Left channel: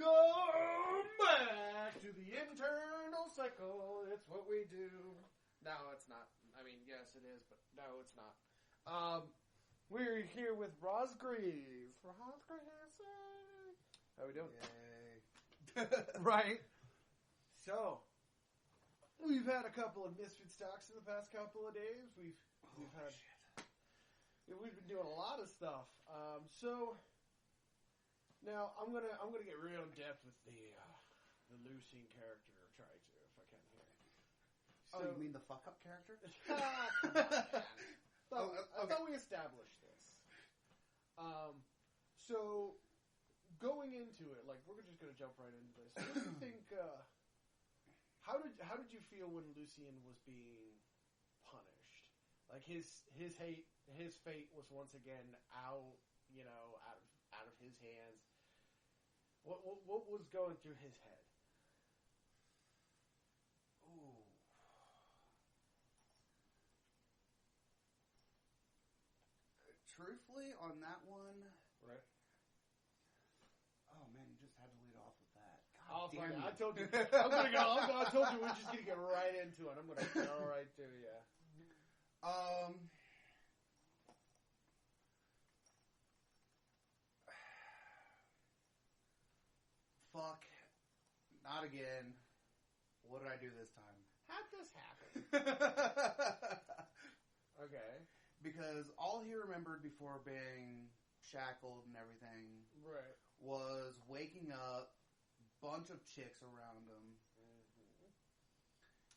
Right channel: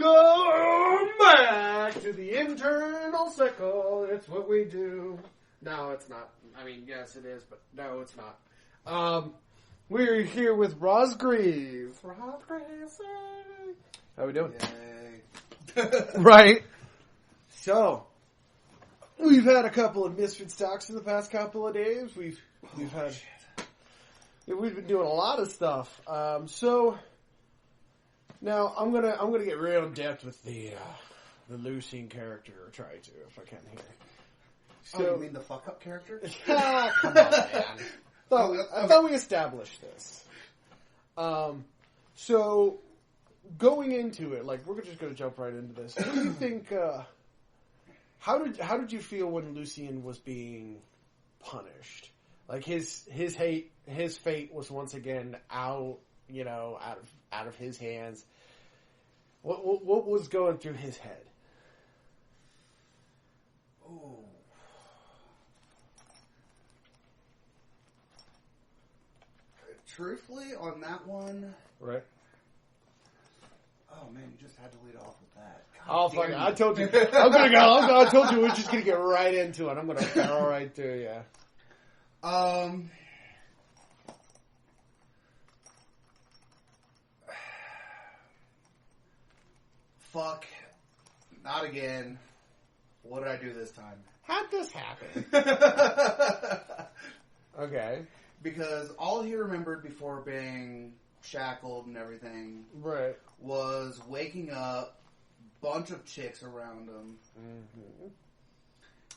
Welcome back to the internal cycle. It's what we do. No, it's not. I mean, yes, it is, but no, it's not. We're here with Roz Greaves. Roz Greaves. How we doing? Yay. Right. So, we've had a couple of Misfits Talks in the past couple of days. We've been doing a lot of stuff. So now I'm gonna get real in depth with the Lucian character, or try to, if I can here. So, you mean the fuck up character? Come on, man. I thought we established this. So going into it, like, we're just gonna jump right into this. What do you think? How did you feel when Lucian was being punished? Like his fate was once again out of his hands. What was going through his head? Oh. Truthfully, on that one, Right. Oh man, you just had to lead off with that. Oh fuck! I told you. I'm gonna go. I told you we're just gonna get right into it. I'm gonna barrel right through you. Fuck. Not again. What did I do this time? How'd this happen? Okay. Because all he remembered before being shackled and everything, Right. was waking up, bunch of chicks around him,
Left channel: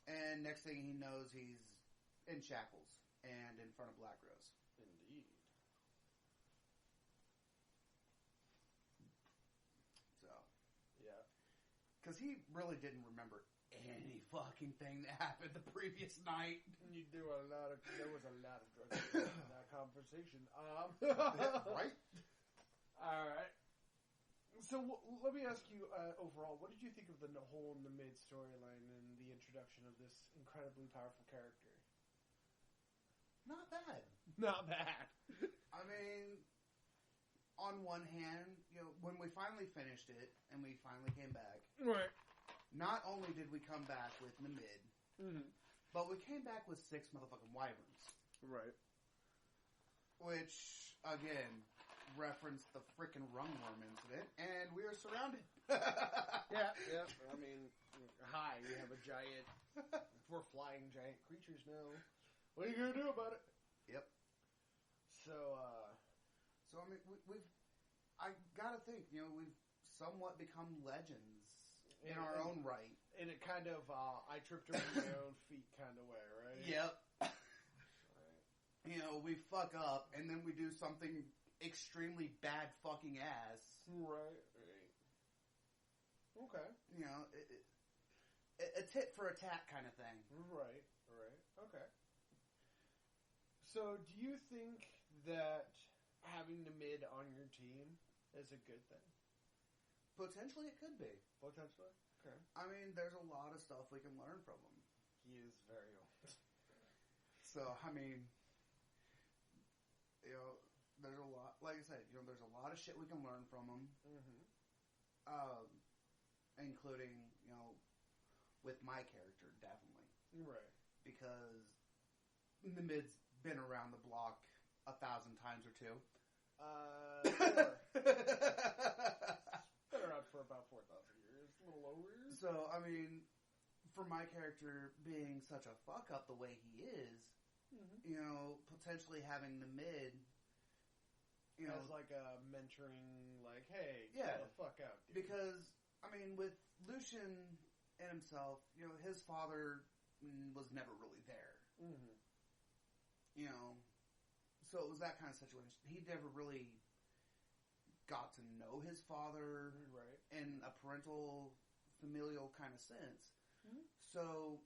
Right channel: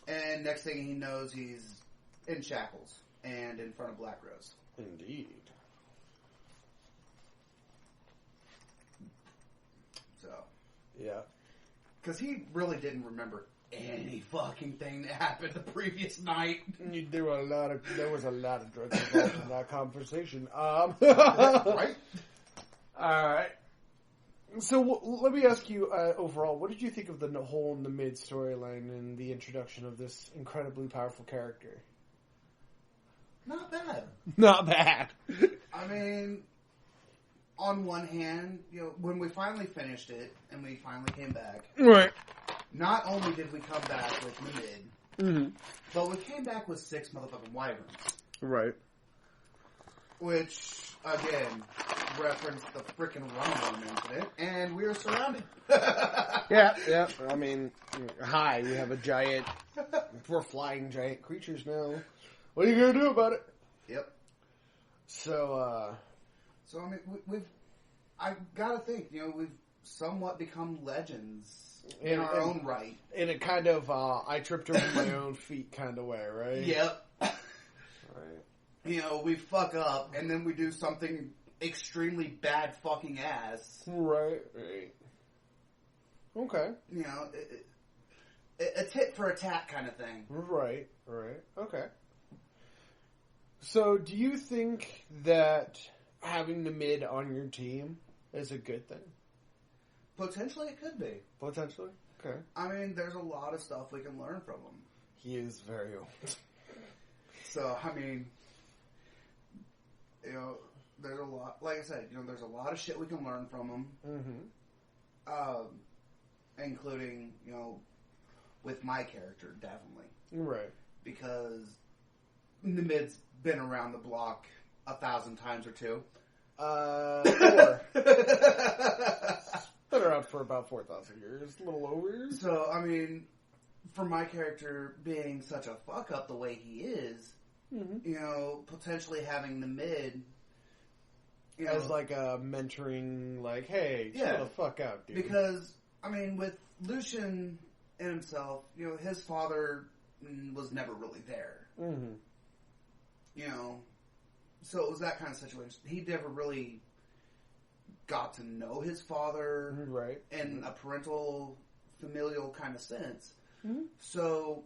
and next thing he knows, he's in shackles and in front of Black Rose. Indeed. So, Yeah. because he really didn't remember any fucking thing that happened the previous night. There was a lot of drugs involved in that conversation. Right? Alright. So let me ask you, overall, what did you think of the whole in the mid storyline and the introduction of this incredibly powerful character? Not bad. Not bad. I mean, on one hand, when we finally finished it and we finally came back, Right. not only did we come back with the mid, but we came back with 6 motherfucking wyverns. Right. Which, again, referenced the frickin' Rumble incident, and we were surrounded. Yeah. I mean, hi, we have a giant, we're flying giant creatures now. What are you gonna do about it? Yep. So, I mean, I gotta think, we've somewhat become legends in our own right. In a kind of, I tripped over my own feet kind of way, right? Yep. Right. We fuck up, and then we do something extremely bad fucking ass. Right. Okay. A tit for a tat kind of thing. Right. Okay. So, do you think that having the mid on your team is a good thing? Potentially it could be. Potentially? Okay. I mean, there's a lot of stuff we can learn from him. He is very old. So, I mean, there's a lot, like I said, there's a lot of shit we can learn from him. Including, with my character, definitely. Right. Because the mid's been around the block 1,000 times or two. 4. Been around for about 4,000 years, a little over. So, I mean, for my character being such a fuck up the way he is, potentially having the mid, as like a mentoring, like, hey, chill the fuck out, dude. Because, I mean, with Lucian and himself, his father was never really there. So it was that kind of situation. He never really got to know his father, right, in a parental, familial kind of sense. So,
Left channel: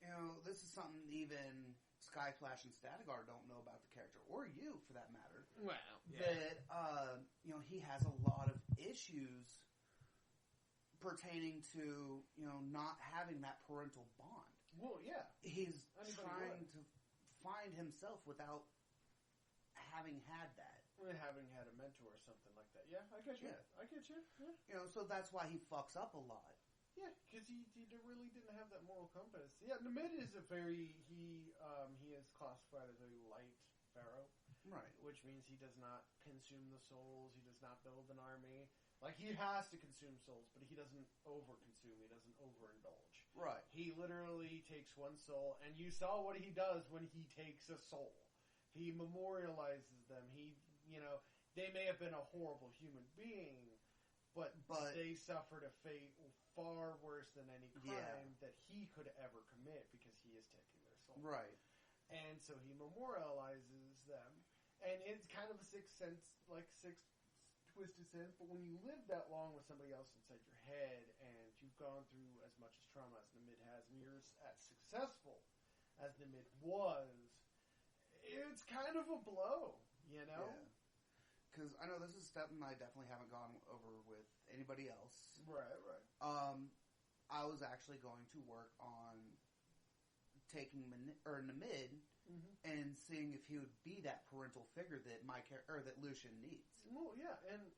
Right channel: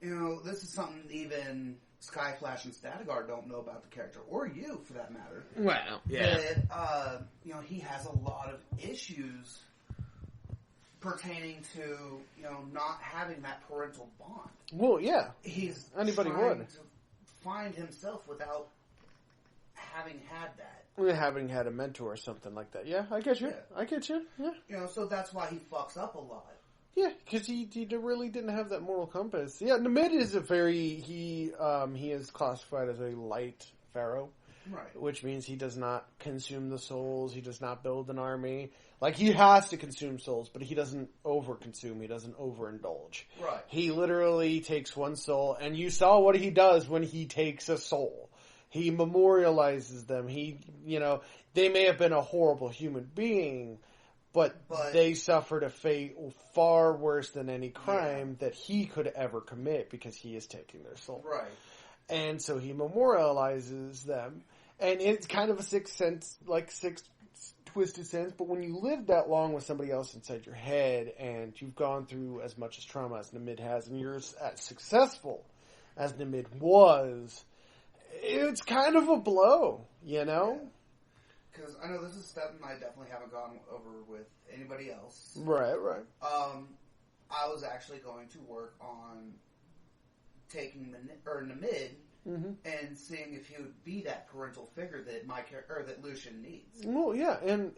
this is something even Skyflash and Statigar don't know about the character, or you, for that matter. Well, yeah. That, he has a lot of issues pertaining to, not having that parental bond. Well, yeah. He's anybody trying would to find himself without having had that. Having had a mentor or something like that. Yeah, I get you. Yeah. I get you. Yeah. You know, so that's why he fucks up a lot. Yeah, because he really didn't have that moral compass. Yeah, Namid is he is classified as a light pharaoh. Right. Which means he does not consume the souls. He does not build an army. Like, he has to consume souls, but he doesn't over-consume. He doesn't overindulge. Right. He literally takes one soul, and you saw what he does when he takes a soul. He memorializes them. They may have been a horrible human being, but they suffered a fate far worse than any crime that he could ever commit because he is taking their soul. Right. And so he memorializes them. And it's kind of a sixth twisted sense, but when you live that long with somebody else inside your head, and you've gone through as much as trauma as Namid has, and you're as successful as Namid was, it's kind of a blow, you know? Because I know this is something I definitely haven't gone over with anybody else. Right. I was actually going to work on taking Namid and seeing if he would be that parental figure that that Lucian needs. Well, yeah, and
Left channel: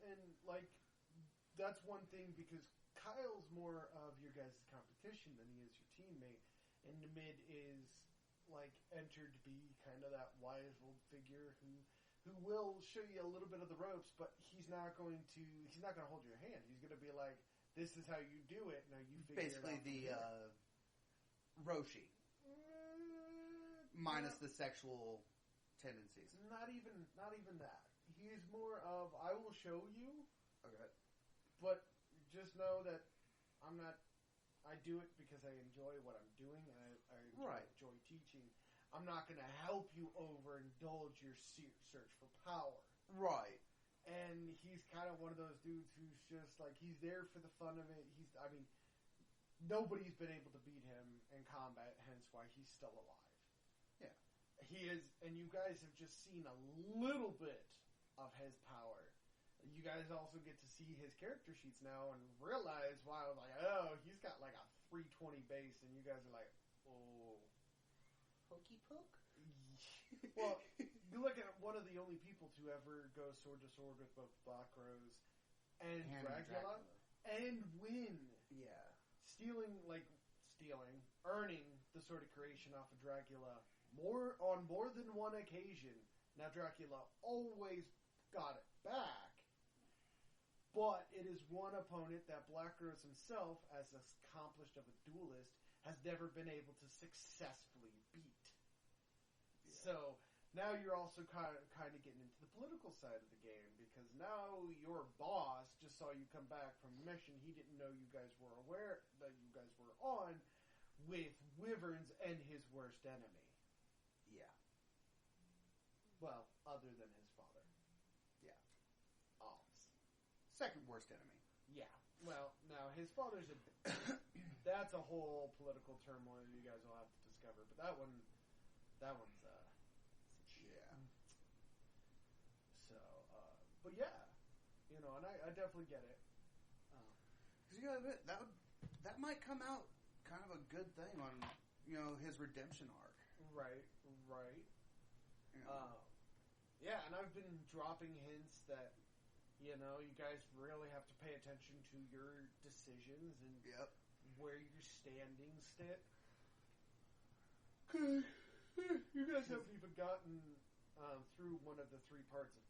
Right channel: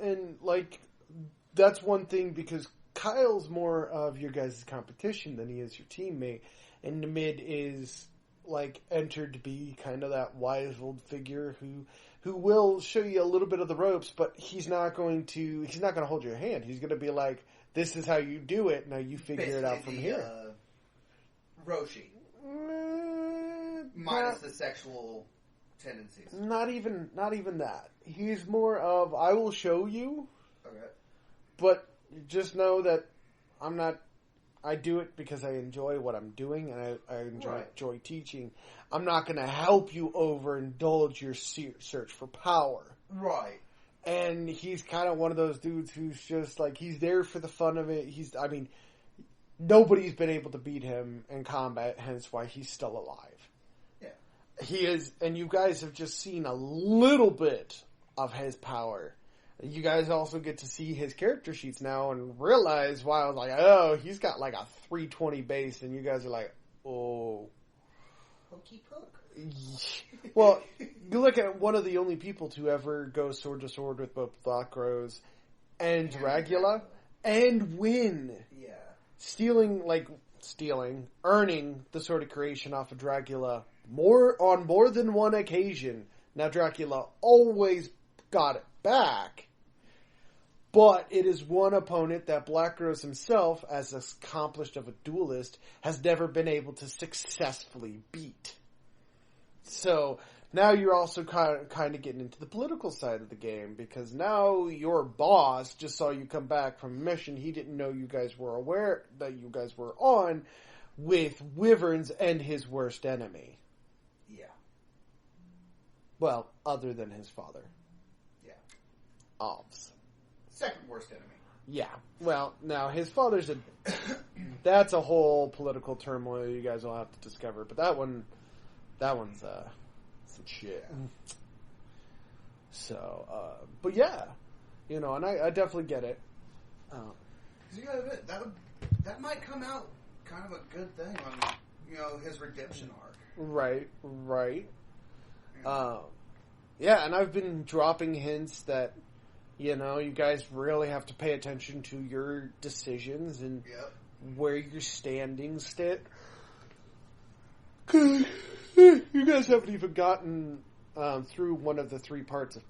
like that's one thing because Kyle's more of your guys' competition than he is your teammate, and Namid is like entered to be kind of that wise old figure who will show you a little bit of the ropes, but he's not going to hold your hand. He's going to be like, "This is how you do it. Now you figure it out from here." Roshi. Minus the sexual tendencies. Not even that. He's more of, I will show you. Okay. But just know that I do it because I enjoy what I'm doing and I enjoy teaching. I'm not going to help you overindulge your search for power. Right. And he's kind of one of those dudes who's just like, he's there for the fun of it. Nobody's been able to beat him in combat, hence why he's still alive. Yeah. He is, and you guys have just seen a little bit of his power. You guys also get to see his character sheets now and realize, wow, I was like, oh, he's got like a 320 base, and you guys are like, oh. Hokey poke. Well, you look at one of the only people to ever go sword to sword with both Black Rose and Dracula and win. Earning the Sword of Creation off of Dracula on more than one occasion. Now, Dracula always got it back, but it is one opponent that Black Rose himself, as accomplished of a duelist, has never been able to successfully beat. So now you're also kind of getting into the political side of the game, because now your boss just saw you come back from a mission he didn't know you guys were aware that you guys were on with Wyverns and his worst enemy. Yeah. Well, other than his father. Yeah. Obs. Second worst enemy. Yeah. Well, now his father's that's a whole political turmoil you guys will have to discover, but that one's some shit. So, but yeah, and I definitely get it. You gotta admit, that might come out kind of a good thing on, his redemption arc. Right. Yeah, and I've been dropping hints that, you guys really have to pay attention to your decisions and where your standings sit. You guys haven't even gotten through one of the three parts of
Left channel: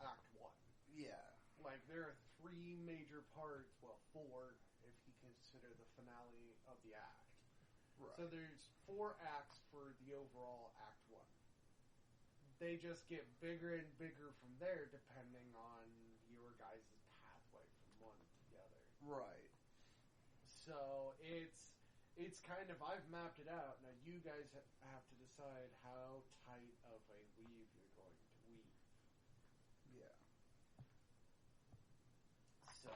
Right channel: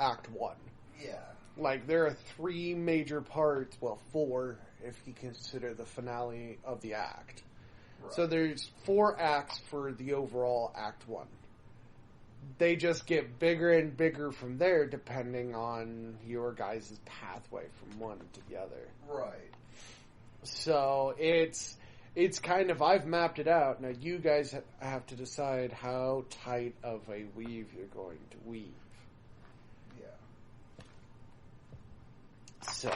Act 1. Yeah. Like, there are three major parts, well, four, if you consider the finale of the act. Right. So there's 4 acts for the overall Act 1. They just get bigger and bigger from there, depending on your guys' pathway from one to the other. Right. So it's kind of, I've mapped it out. Now you guys have to decide how tight of a weave you're going to weave. Yeah. So,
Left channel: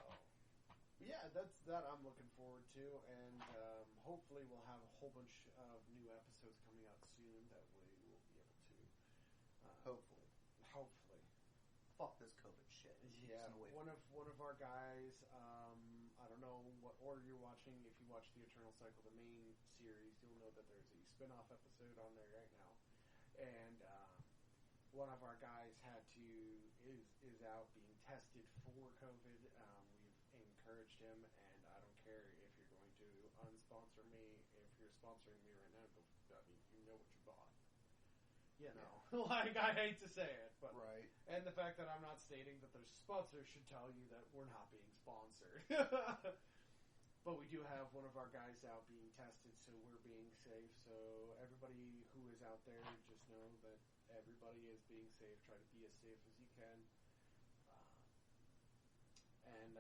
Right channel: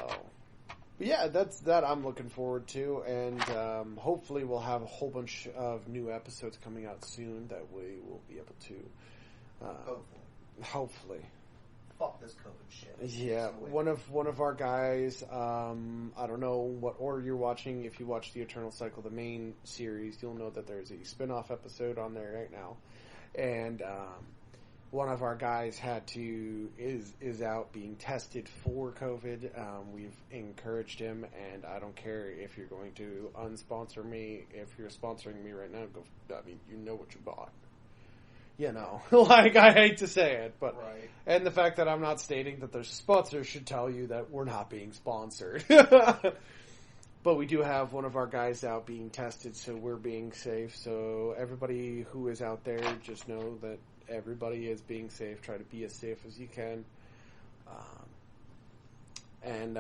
but yeah, that's that I'm looking forward to, and hopefully we'll have a whole bunch of new episodes coming out soon that we will be able to. Hopefully. Fuck this COVID shit. Yeah, one of our guys. I don't know what order you're watching. If you watch the Eternal Cycle, the main series, you'll know that there's a spin-off episode on there right now, and one of our guys is out being tested for COVID. We've encouraged him, and I don't care if you're going to unsponsor me. If you're sponsoring me right now, you know what you bought. You know, like, I hate to say it, but right. And the fact that I'm not stating that there's sponsors should tell you that we're not being sponsored. But we do have one of our guys out being tested, so we're being safe. So everybody who is out there, just know that everybody is being safe. Try to be as safe as you can. And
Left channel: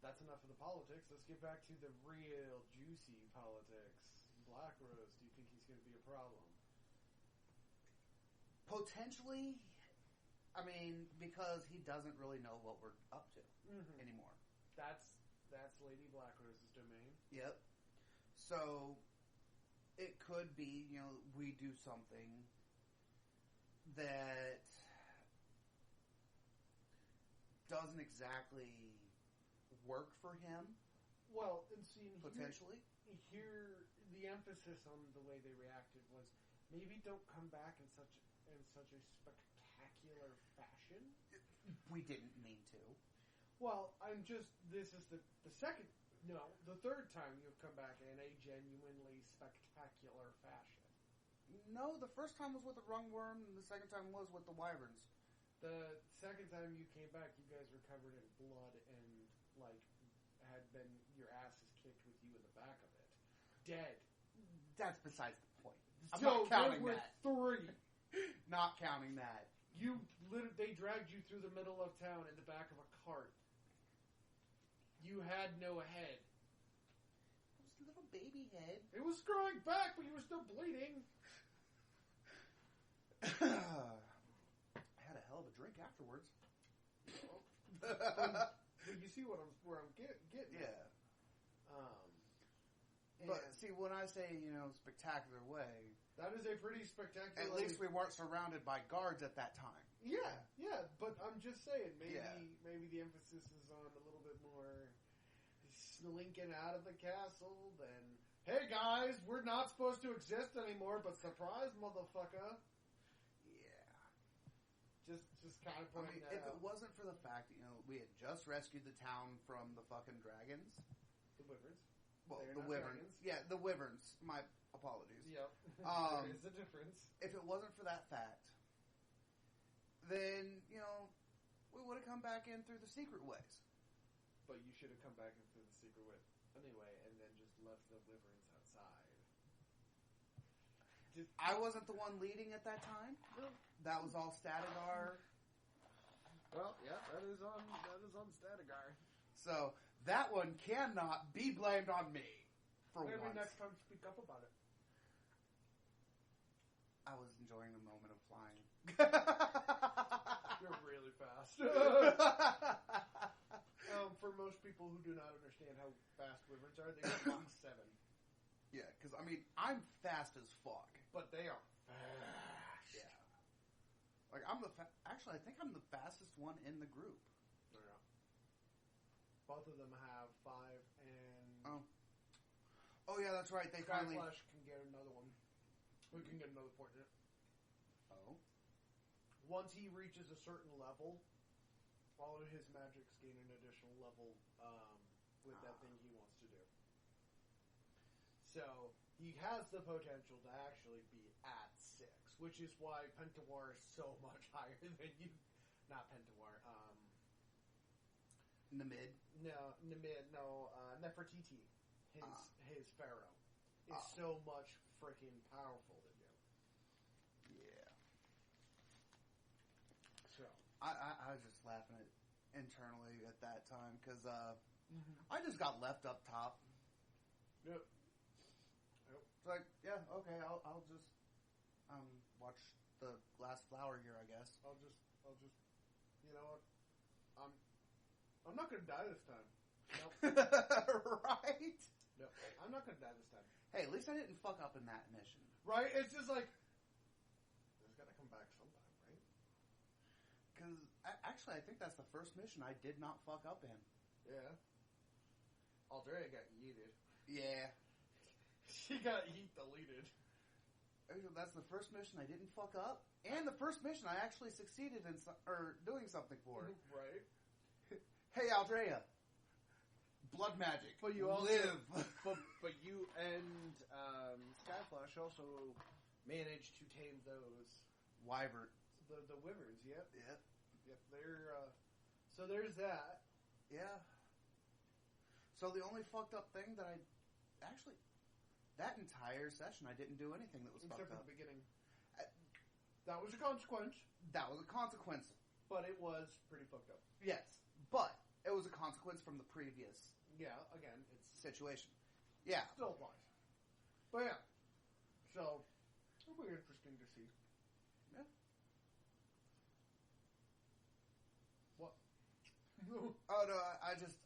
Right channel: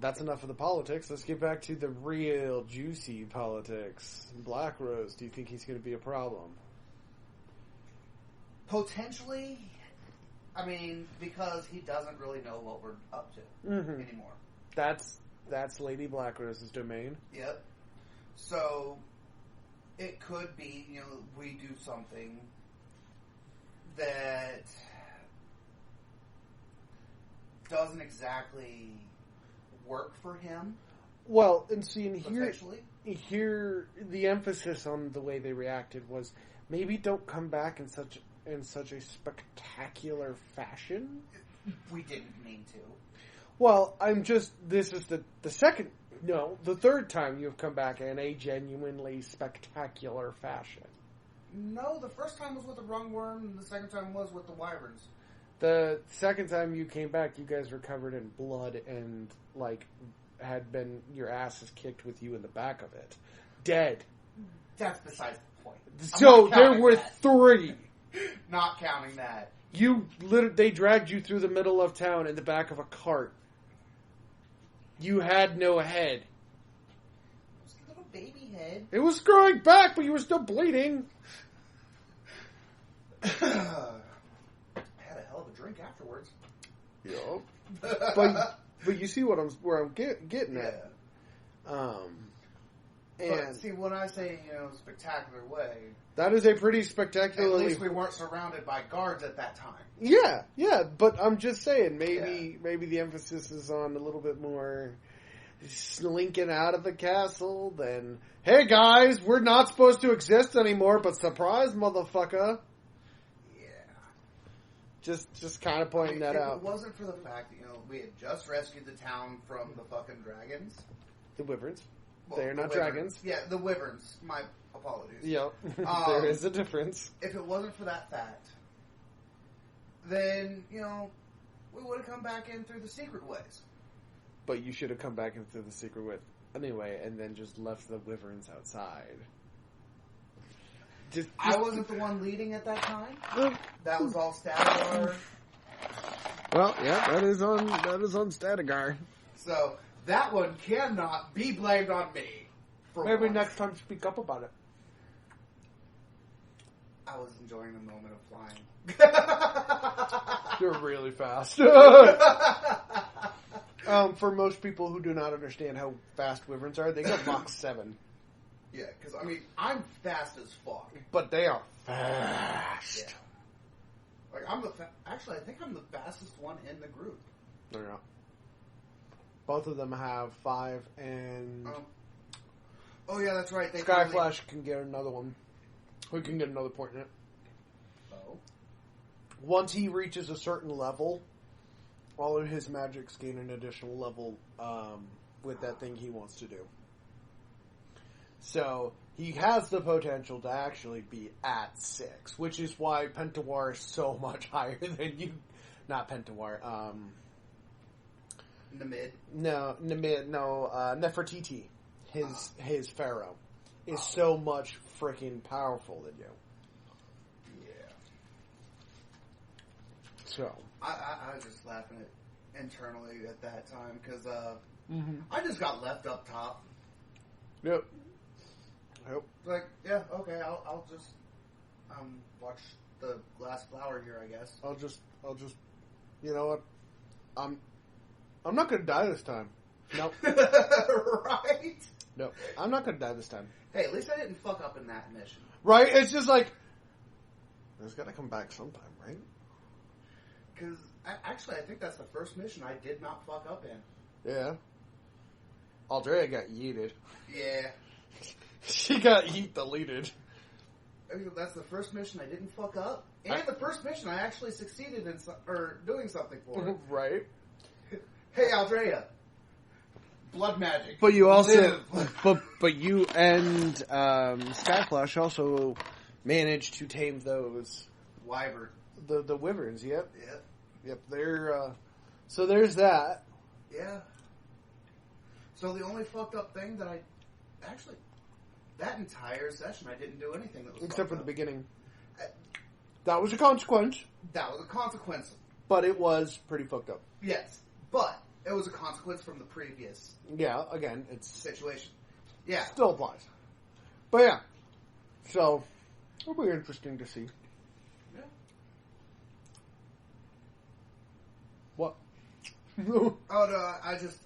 that's enough of the politics. Let's get back to the real juicy politics. Black Rose, do you think he's going to be a problem? Potentially. I mean, because he doesn't really know what we're up to anymore. That's Lady Black Rose's domain. Yep. So it could be, we do something that doesn't exactly work for him. Well, and see, here the emphasis on the way they reacted was maybe don't come back in such a spectacular fashion. We didn't mean to. Well, this is the third time you've come back in a genuinely spectacular fashion. No, the first time was with the Rungworm, and the second time was with the Wyverns. The second time you came back, you guys were covered in blood and, had been your asses kicked with you in the back of it. Dead. That's besides the point. So there were 3. Not counting that. They dragged you through the middle of town in the back of a cart. You had no head. It was a little baby head. It was growing back, but you were still bleeding. I had a hell of a drink afterwards. Yup. but you see where I'm getting at. But see, when I say spectacular way, that is a pretty spectacular. At least we weren't surrounded by guards at that time. Yeah, but I'm just saying, maybe the emphasis is on a little bit more slinking out of the castle than, hey guys, we're not supposed to exist anymore, but surprise, motherfucker. Yeah. Just kind of pointing that out. If it wasn't for the fact that, we had just rescued the town from the fucking dragons. The Wyverns. Well, They're not Wyverns. dragons. Yeah, the Wyverns. My apologies. Yep. There is a difference. If it wasn't for that fact, then, we would have come back in through the secret ways. But you should have come back in through the secret way anyway, and then just left the Wyverns outside. I wasn't the one leading at that time. That was all Statigar. Well, yeah, that is on Statigar. So that one cannot be blamed on me. Maybe next time speak up about it. I was enjoying the moment of flying. You're really fast. For most people who do not understand how fast Wyverns are, they go Mach 7. Yeah, because, I'm fast as fuck. But they are fast. Yeah. Actually, I think I'm the fastest one in the group. No, you're not. Both of them have 5 and... Oh, yeah, that's right. Skyflash can get another one. We can get another point in it. Oh. Once he reaches a certain level, all of his magics gain an additional level with that thing he wants to do. So, he has the potential to actually be at 6, which is why Pentawar is so much higher than you. Not Pentawar, Namid? No, Nefertiti, his pharaoh, is so much freaking powerful than you. Yeah. So. I was just laughing internally at that time, because I just got left up top. Yep. Like, yeah, okay, I'll just watch the glass flower here, I guess. I'll just, you know what? I'm not gonna die this time. Nope. Right? No, I'm not gonna die this time. Hey, at least I didn't fuck up in that mission. Right? It's just like, there's gotta come back sometime, right? Because, actually, I think that's the first mission I did not fuck up in. Yeah. Aldrea got yeeted. Yeah. She got yeet-deleted. that's the first mission I didn't fuck up, and the first mission I actually succeeded in doing something for. Right. Hey, Aldrea. Blood magic. But you also, but you and Skyflash also managed to tame those Wyvern. the wyverns. Yep. They're so there's that. Yeah. So the only fucked up thing that that entire session I didn't do anything that was except for up. the beginning. That was a consequence. That was a consequence. But it was pretty fucked up. Yes, but it was a consequence from the previous. Yeah, again, it's situation. Yeah. Still applies. But yeah. So, it'll be interesting to see. Yeah. What? Oh, no,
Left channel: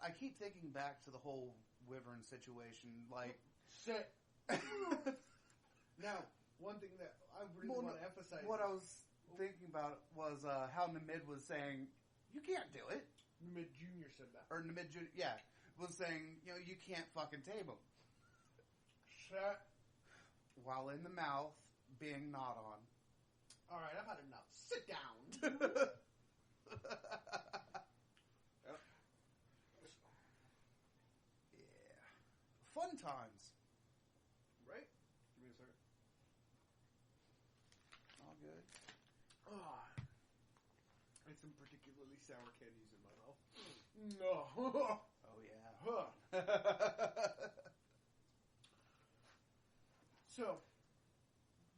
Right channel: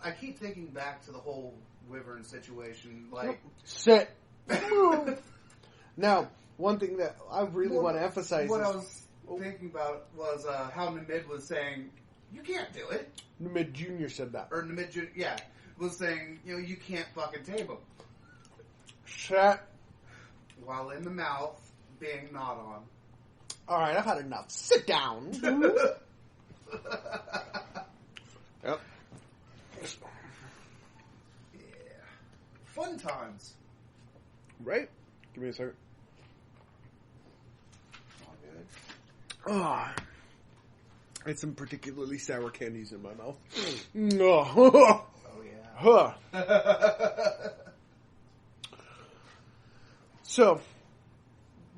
I keep thinking back to the whole Wyvern situation. Like. Sit. Now, one thing that I really want to emphasize what I was thinking about was how Namid was saying, you can't do it. Namid Jr. said that. Or Namid Jr., yeah. Was saying, you can't fucking tame him. Shut. While in the mouth, being gnawed on. Alright, I've had enough. Sit down. Yep. Yeah. Fun times. Right? Give me a second. Oh, I had some particularly sour candies in my mouth. Oh, yeah. So,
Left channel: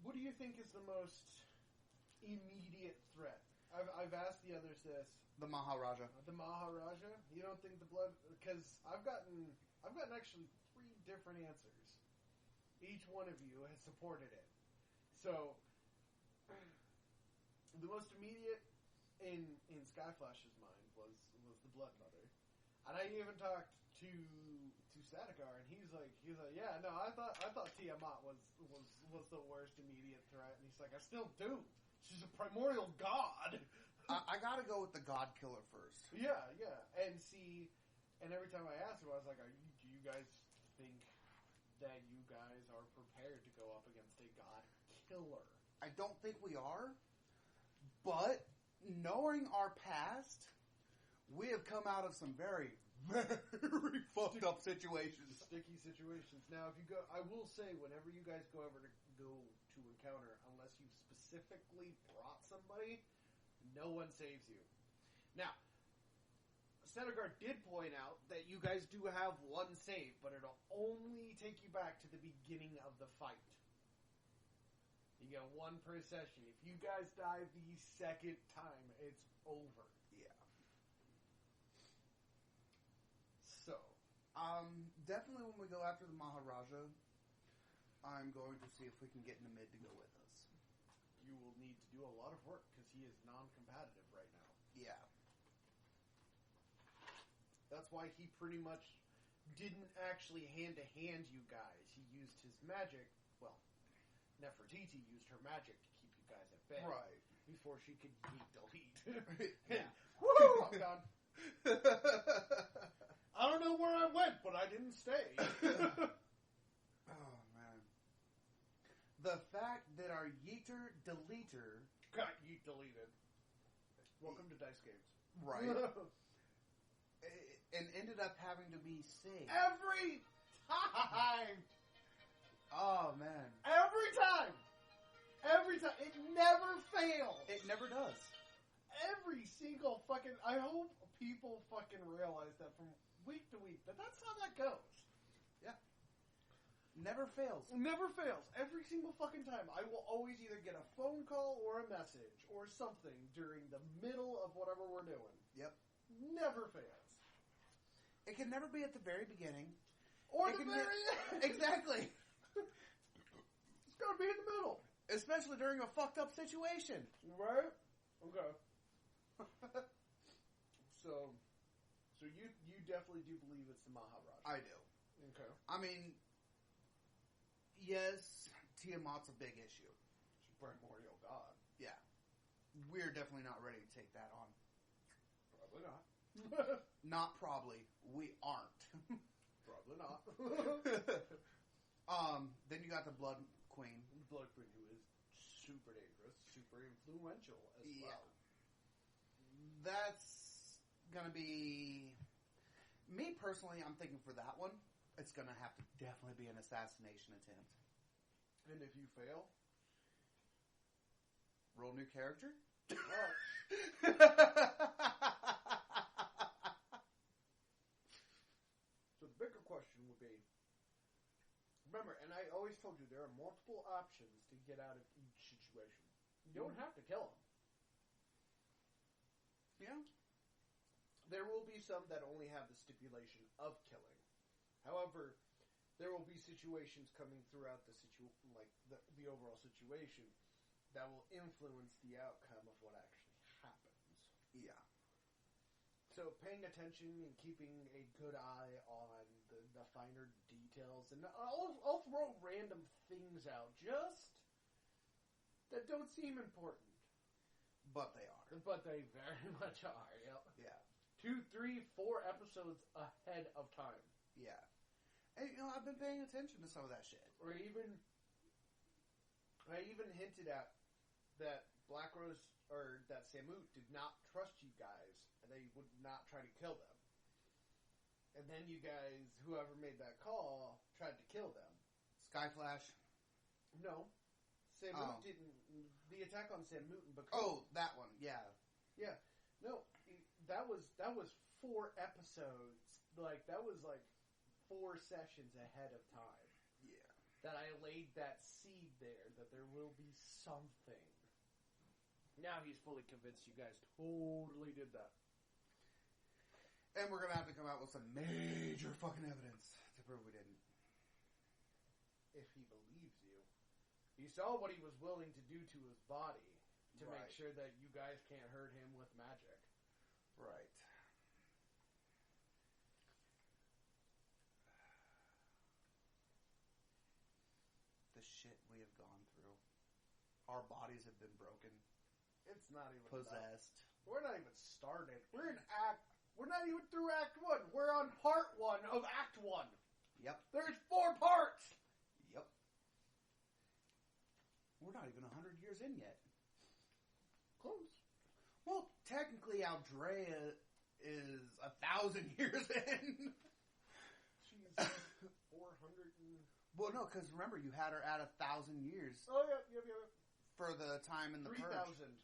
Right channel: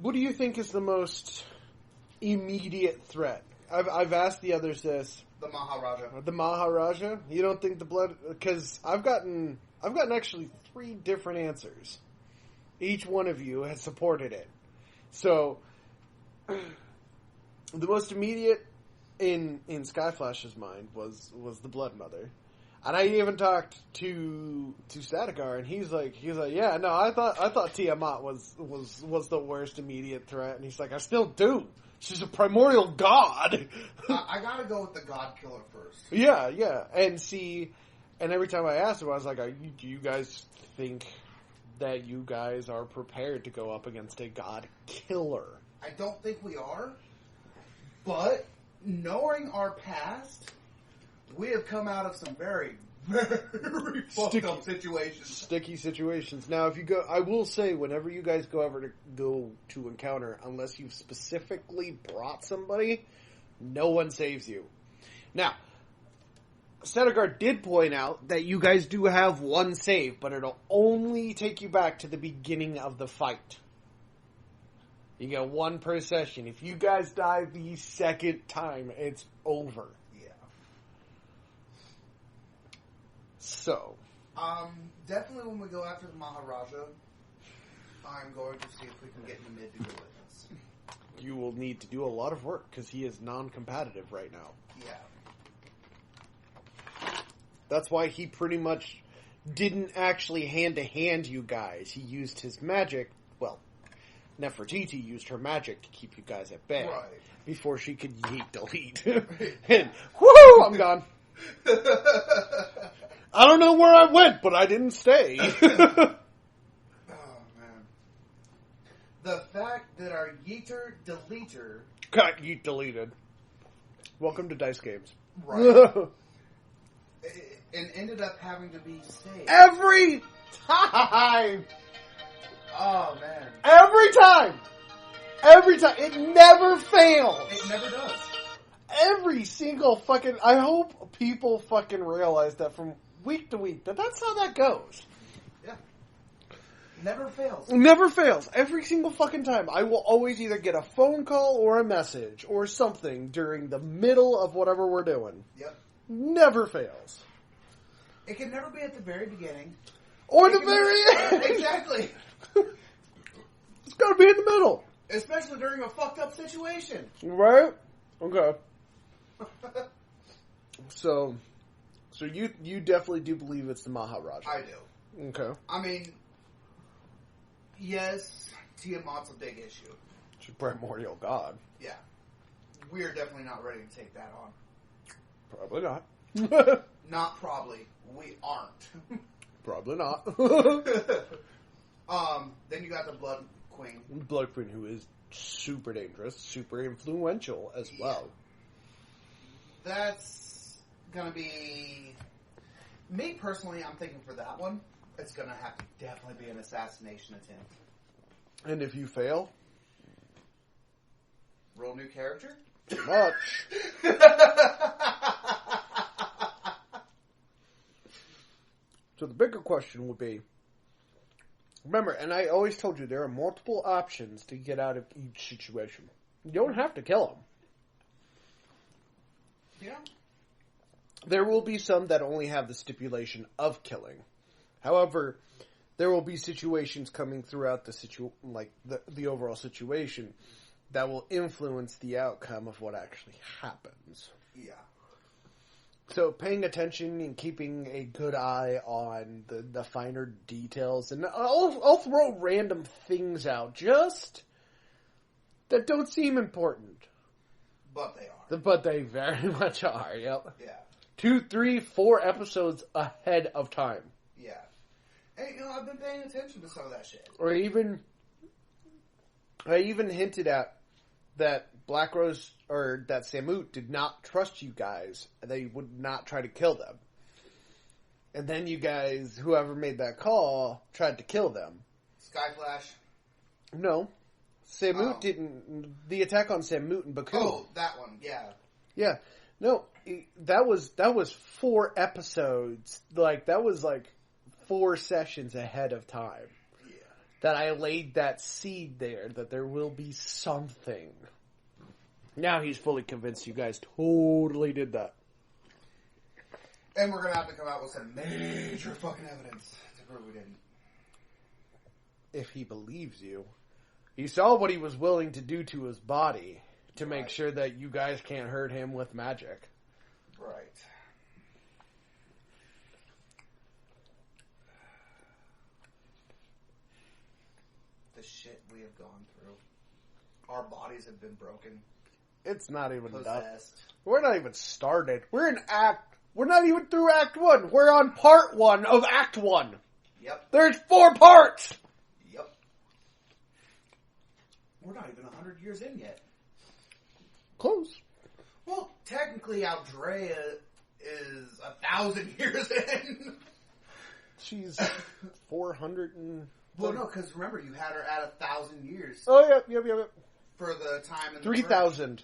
what do you think is the most immediate threat? I've asked the others this. The Maharaja. The Maharaja? You don't think the blood... Because I've gotten actually 3 different answers. Each one of you has supported it. So, the most immediate in Skyflash's mind was the Blood Mother. And I even talked to Statigar, and he's like, yeah, no, I thought Tiamat was the worst immediate threat, and he's like, I still do. She's a primordial god. I gotta go with the God Killer first. Yeah, and every time I asked him, I was like, do you guys think that you guys are prepared to go up against a God Killer? I don't think we are, but knowing our past, we have come out of some very, very fucked up situations. Sticky situations. Now, if you go, I will say, whenever you guys go to encounter, unless you've specifically brought somebody, no one saves you. Now, Statigar did point out that you guys do have one save, but it'll only take you back to the beginning of the fight. You get 1 per session. If you guys die the second time, it's over. So, definitely when we go after the Maharaja, I'm going to see if we can get Namid to go with us. You will need to do a lot of work because he is non-competitive right now. Yeah. That's why he pretty much didn't actually hand-to-hand you guys. He used his magic. Well, Nefertiti used her magic to keep you guys at bay. Right. Before she could delete. And, whoo, I'm gone. I don't know where I went, but I didn't stay. Oh, man. The fact that our Yeeter Deleter... Got yeet deleted. Welcome to Dice Games. Right. And ended up having to be saved. Every time! Oh, man. Every time! It never fails! It never does. Every single fucking... I hope people fucking realize that from week to week, that's how that goes. Yeah. Never fails. Never fails. Every single fucking time. I will always either get a phone call or a message or something during the middle of whatever we're doing. Yep. Never fails. It can never be at the very beginning. Or the very end. Exactly. It's gotta be in the middle. Especially during a fucked up situation. Right? Okay. So you definitely do believe it's the Maharaja. I do. Okay. I mean, yes, Tiamat's a big issue. She's a primordial god. Yeah. We're definitely not ready to take that on. Probably not. Not probably. We aren't. Probably not. Then you got the Blood Queen. Blood Queen, who is super dangerous, super influential as well. That's gonna be... Me, personally, I'm thinking for that one, it's gonna have to definitely be an assassination attempt. And if you fail... Roll new character? Too much. So the bigger question would be... Remember, and I always told you, there are multiple options to get out of each situation. You don't have to kill them. Yeah. There will be some that only have the stipulation of killing. However, there will be situations coming throughout the overall situation that will influence the outcome of what actually happens. Yeah. So paying attention and keeping a good eye on the finer details, and I'll throw random things out just that don't seem important. But they are. But they very much are, yep. Yeah. 2, 3, 4 episodes ahead of time. Yeah. Hey, I've been paying attention to some of that shit. Or I even hinted at that Black Rose, or that Samut did not trust you guys. They would not try to kill them. And then you guys, whoever made that call, tried to kill them. Skyflash? No. Samut didn't. The attack on Samut and Baku. Oh, that one, yeah. Yeah. No, that was 4 episodes. That was 4 sessions ahead of time. Yeah. That I laid that seed there, that there will be something. Now he's fully convinced you guys totally did that. And we're going to have to come out with some major fucking evidence to prove we didn't. If he believes you. He saw what he was willing to do to his body to make sure that you guys can't hurt him with magic. Right. The shit we have gone through. Our bodies have been broken. It's not even Possessed. enough. We're not even started. We're not even through Act 1. We're on Part 1 of Act 1. Yep. There's 4 parts! Yep. We're not even 100 years in yet. Close. Well, technically, Aldrea is 1,000 years in. She's 400 and... Well, no, because remember, you had her at 1,000 years. Oh, yep. For the time in the 3,000.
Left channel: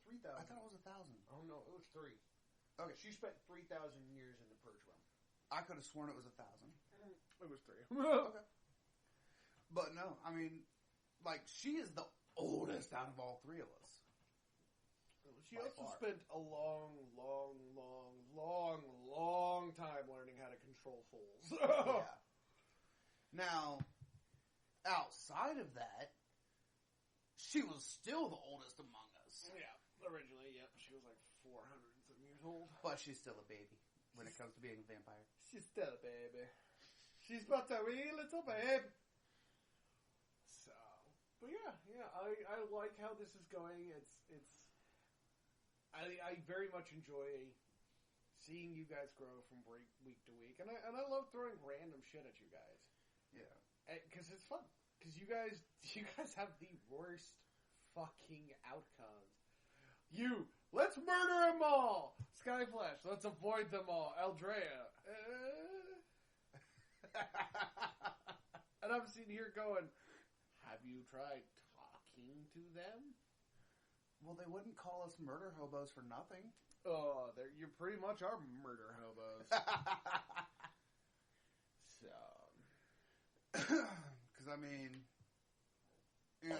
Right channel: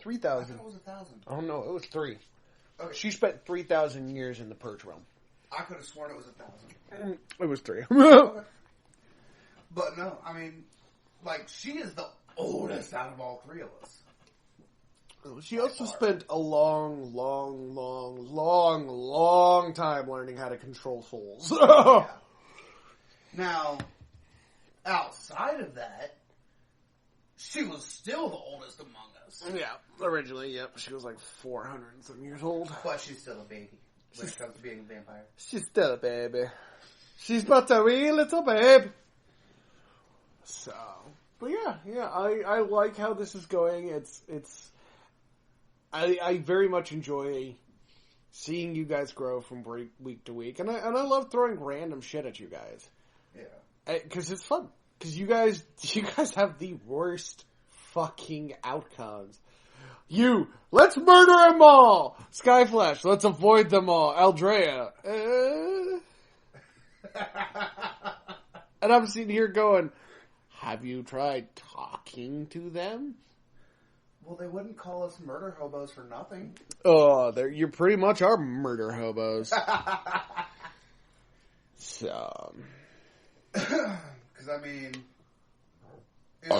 3,000. I thought it was 1,000. Oh, no, it was 3. Okay. She spent 3,000 years in the Purge realm. I could have sworn it was 1,000. It was 3. Okay. But no, I mean, she is the oldest out of all 3 of us. She also spent a long time learning how to control souls. Yeah. Now, outside of that, she was still the oldest among us. Yeah, originally, yep. She was 400 and some years old. But she's still a baby when it comes to being a vampire. She's still a baby. She's but a wee little babe. So, but yeah, I like how this is going. I very much enjoy seeing you guys grow from week to week, and I love throwing random shit at you guys. Yeah, because it's fun. Because you guys have the worst fucking outcomes. Let's murder them all. Skyflash, let's avoid them all. Aldrea, and I'm sitting here going, have you tried talking to them? Well, they wouldn't call us murder hobos for nothing. Oh, you pretty much are murder hobos. So, because I mean, with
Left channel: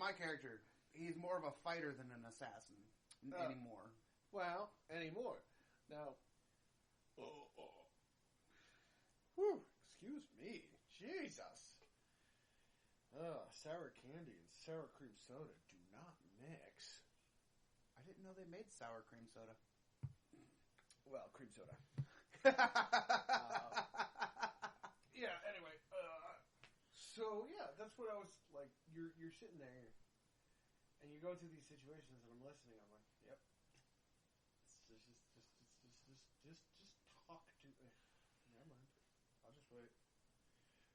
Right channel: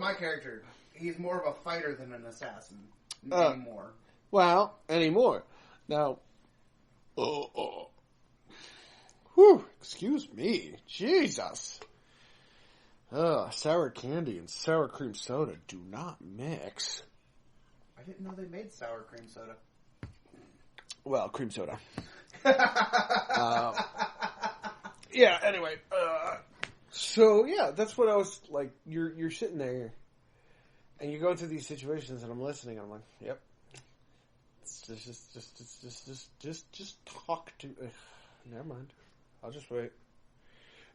my character, he's more of a fighter than an assassin anymore. Well, anymore. Now, whew, excuse me, Jesus. Sour candy and sour cream soda do not mix. I didn't know they made sour cream soda. Well, cream soda. Yeah, anyway. So, yeah, that's what I was like. You're sitting there, and you go through these situations, and I'm listening, and I'm like, yep. Just talk to... never mind. I'll just wait.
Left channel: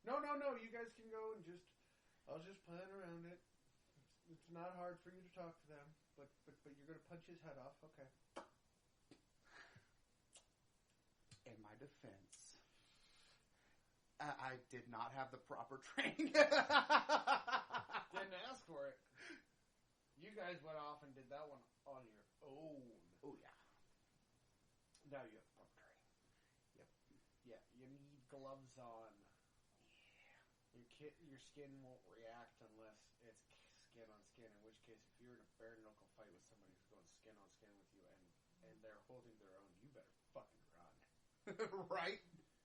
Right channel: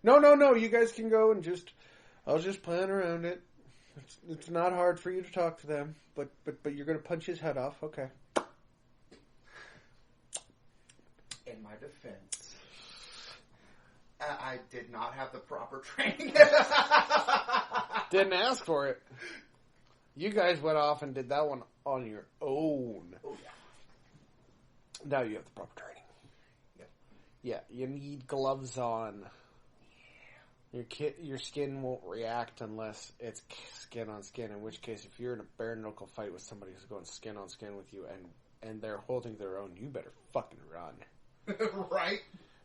No. You guys can go and I'll just plan around it. It's not hard for you to talk to them, but you're gonna punch his head off. Okay. In my defense, I did not have the proper training. Didn't ask for it. You guys went off and did that one on your own. Oh yeah. Now you have the proper training. Yep. Yeah, you need gloves on. Your skin won't react unless it's skin on skin. In which case, if you're in a bare knuckle fight with somebody who's going skin on skin with you, and they're holding their own, you better fucking run. Right?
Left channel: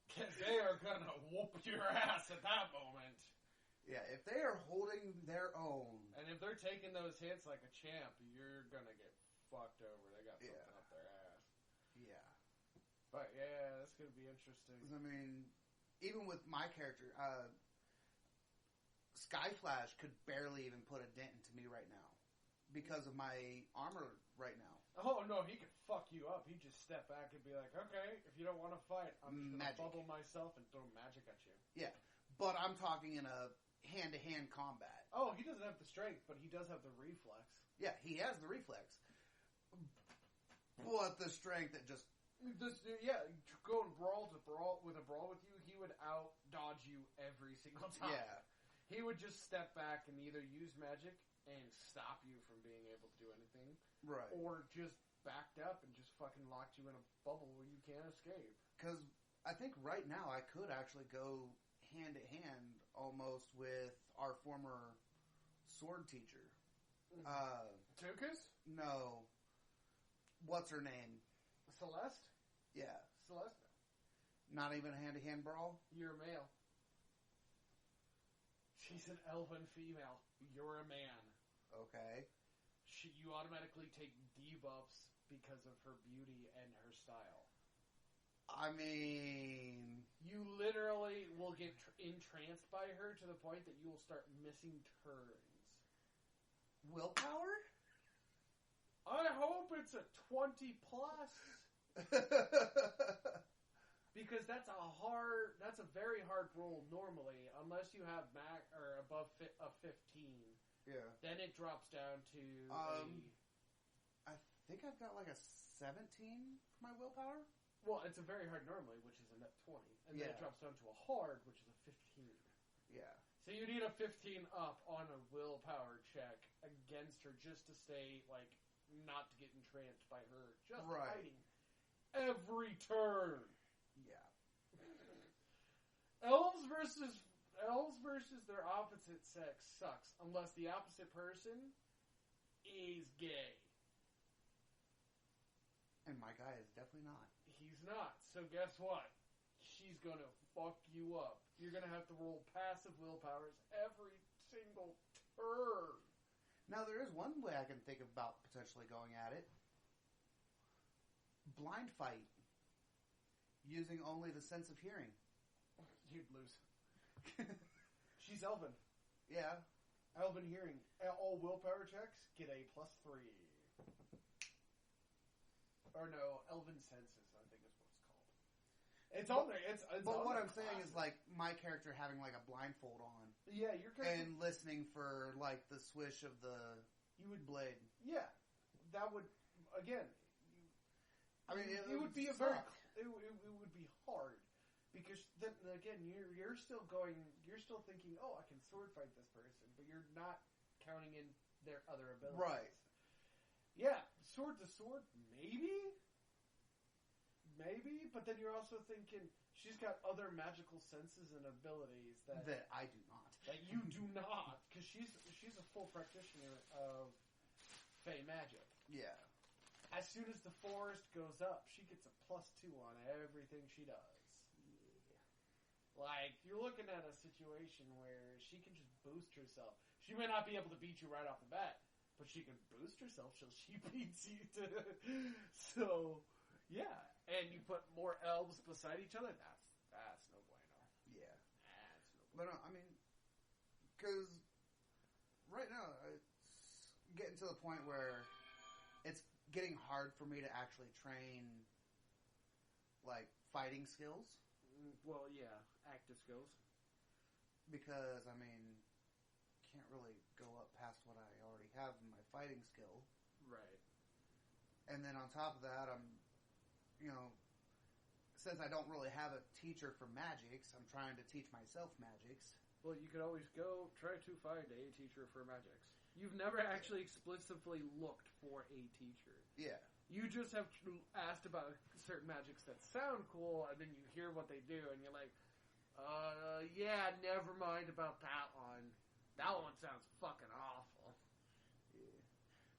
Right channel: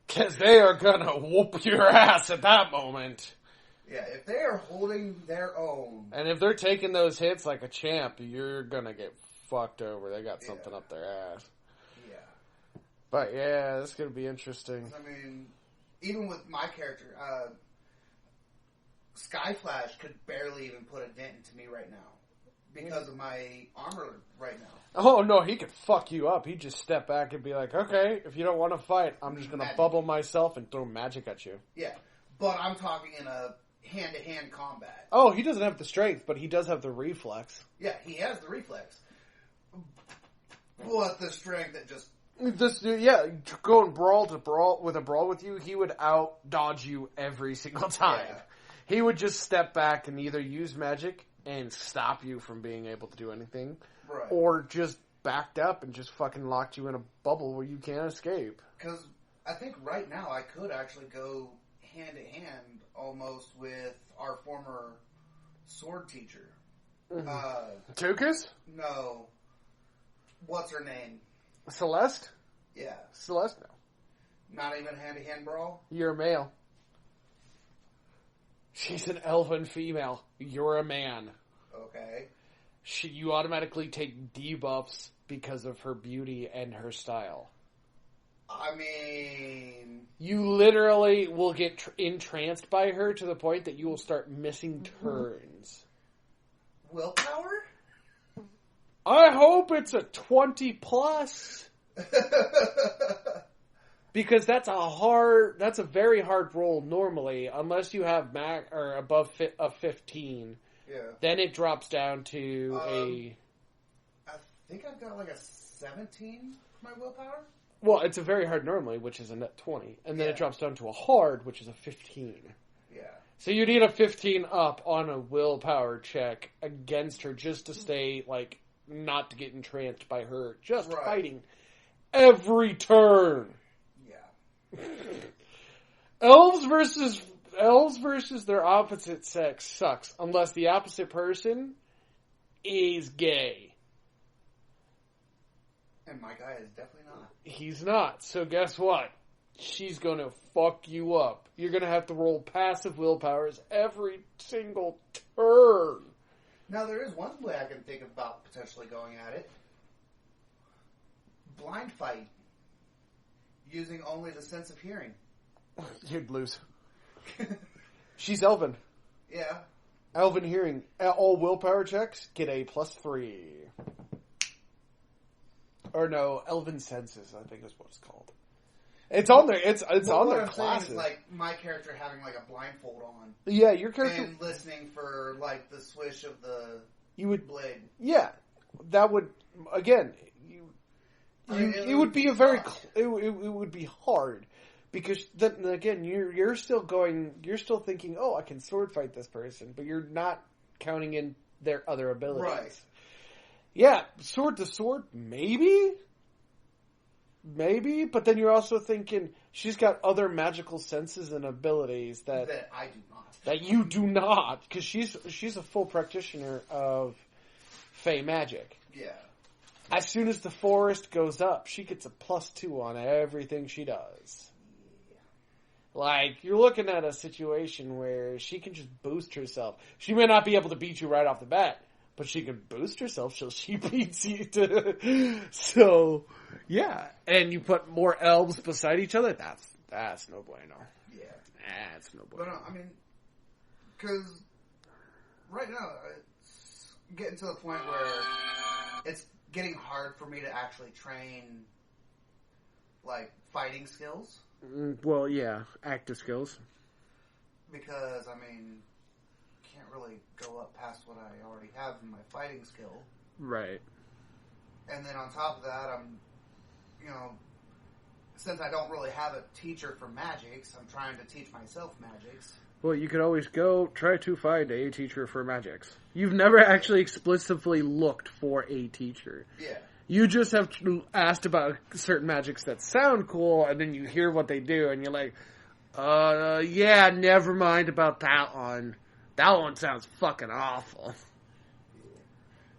Because they are gonna whoop your ass at that moment. Yeah, if they are holding their own, and if they're taking those hits like a champ, you're gonna get fucked over. They got something up their ass. Yeah. But yeah, this is gonna be interesting. I mean, even with my character, Skyflash could barely even put a dent into me right now because of my armor right now. Oh no, he could fuck you up. He'd just step back and be like, okay, if you don't want to fight, I'm just gonna bubble myself and throw magic at you. Yeah, but I'm talking in a hand-to-hand combat. Oh, he doesn't have the strength, but he does have the reflex. Yeah, he has the reflex. But the strength that just... Going brawl with you, he would out dodge you every single time. Yeah. He would just step back and either use magic and stop you from being able to do anything, right, or just backed up and just fucking locked you in a bubble where you can't escape. Because I think right now I could actually go hand-to-hand almost with our former sword teacher. Mm-hmm. Tukas? No. What's her name? Celeste? Yeah. Celeste, no. Not even hand-to-hand brawl? You're a male. She's an elven female. You're a man. Okay. You automatically take debuffs because of her beauty and her style. I mean... You literally will get entranced by her to the point that you will start missing turns. Willpower? I hope it's a 20 plus. Because that's a very hard roll normally, unless you have above a 15. Yeah. Then it drops down to I think I've got like a 17 for my willpower. Well, it's a very hard normally, which is a net 20. And then it drops down to a hard, which is a 15. Yeah. So you need a 15 up on a willpower check against her just to stay, like, not to get entranced by her. Just fighting every turn. Yeah. Elves versus their opposite sex sucks. Unless the opposite person is gay. And my guy is definitely not. He's not. So guess what? She's going to fuck you up. You're going to have to roll passive willpowers every single turn. Now, there is one way I can think about potentially going at it. Blind fight. Using only the sense of hearing. You'd lose. She's elven. Yeah. Elven hearing. All willpower checks get a +3. Or no, elven senses, I think is what it's called. It's on there. It's on their classes. Is like my character having like a blindfold on. Yeah, your character and listening for like the swish of the blade. Yeah, that would again. It would be a very. It would be hard because then again you're still thinking, oh, I can sword fight this person, but you're not counting in their other abilities. Right. Yeah, sword to sword, maybe, but then you're also thinking she's got other magical senses and abilities that I do not. That you do not, because she's a full practitioner of Fey magic. Yeah. As soon as the forest goes up, she gets a +2 on everything she does. Yeah. Like, you're looking at a situation where she can just boost herself. She may not be able to beat you right off the bat, but she can boost herself till she beats you. So, yeah. And you put more elves beside each other, that's no bueno. Yeah. That's no bueno. But, I mean, because right now, it's getting to the point where it's getting hard for me to actually train, like, fighting skills. Well, yeah, active skills. because, I mean, can't really go up past what I already have in my fighting skill. Right. And then on top of that, I'm, you know, since I don't really have a teacher for magics, I'm trying to teach myself magics. Well, you could always go try to find a teacher for magics. You've never actually explicitly looked for a teacher. Yeah. You just have asked about certain magics that sound cool, and then you hear what they do, and you're like, yeah, never mind about that one. That one sounds fucking awful.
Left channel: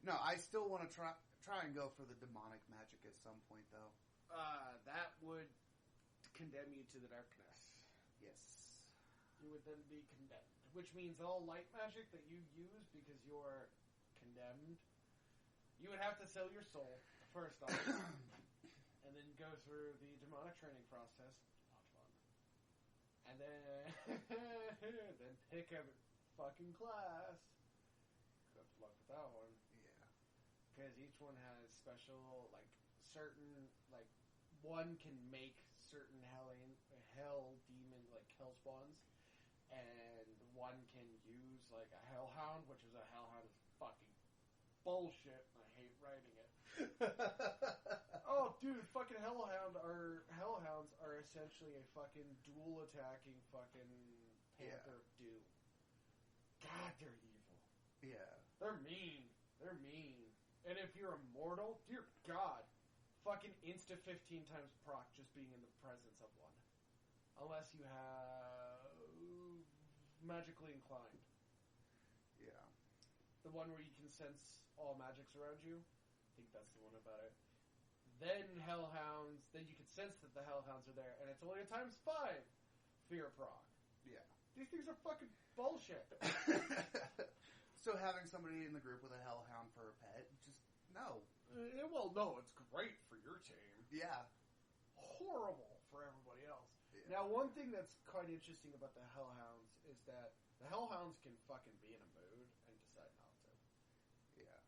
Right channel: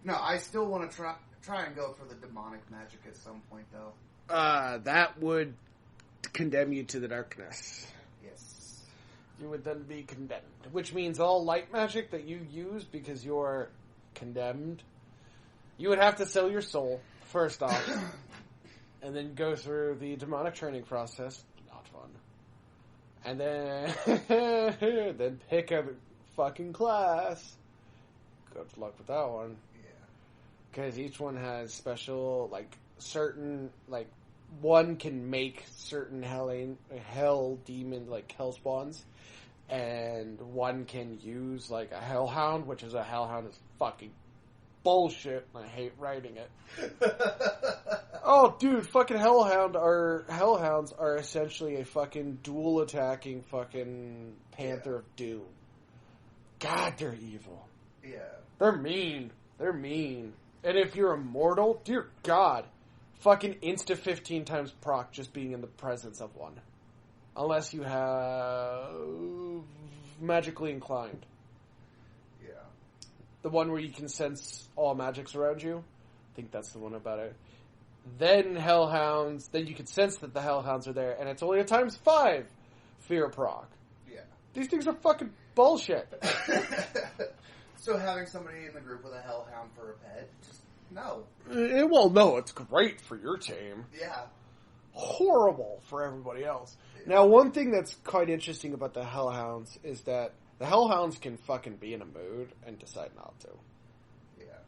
No, I still want to try and go for the demonic magic at some point, though. That would condemn you to the darkness. Yes. You would then be condemned. Which means all light magic that you use because you're condemned, you would have to sell your soul, first off. And then go through the demonic training process. Not fun. And then pick a fucking class. Good luck with that one. Because each one has special, certain, one can make certain hell demon, hell spawns, and one can use, a hellhound, which is a hellhound is fucking bullshit, and I hate writing it. Oh, dude, fucking hellhounds are essentially a fucking dual attacking fucking Panther of Doom. God, they're evil. Yeah. They're mean. And if you're immortal, dear God, fucking insta 15 times proc just being in the presence of one. Unless you have magically inclined. Yeah. The one where you can sense all magics around you. I think that's the one about it. Then hellhounds, then you can sense that the hellhounds are there, and it's only a times 5 fear proc. Yeah. These things are fucking bullshit. So having somebody in the group with a hellhound for a pet, just no. Well, no, it's great for your team. Yeah. Horrible for everybody else. Yeah. Now, one thing that's quite interesting about the hellhounds is that the hellhounds can fucking be in a mood and decide not to. Yeah.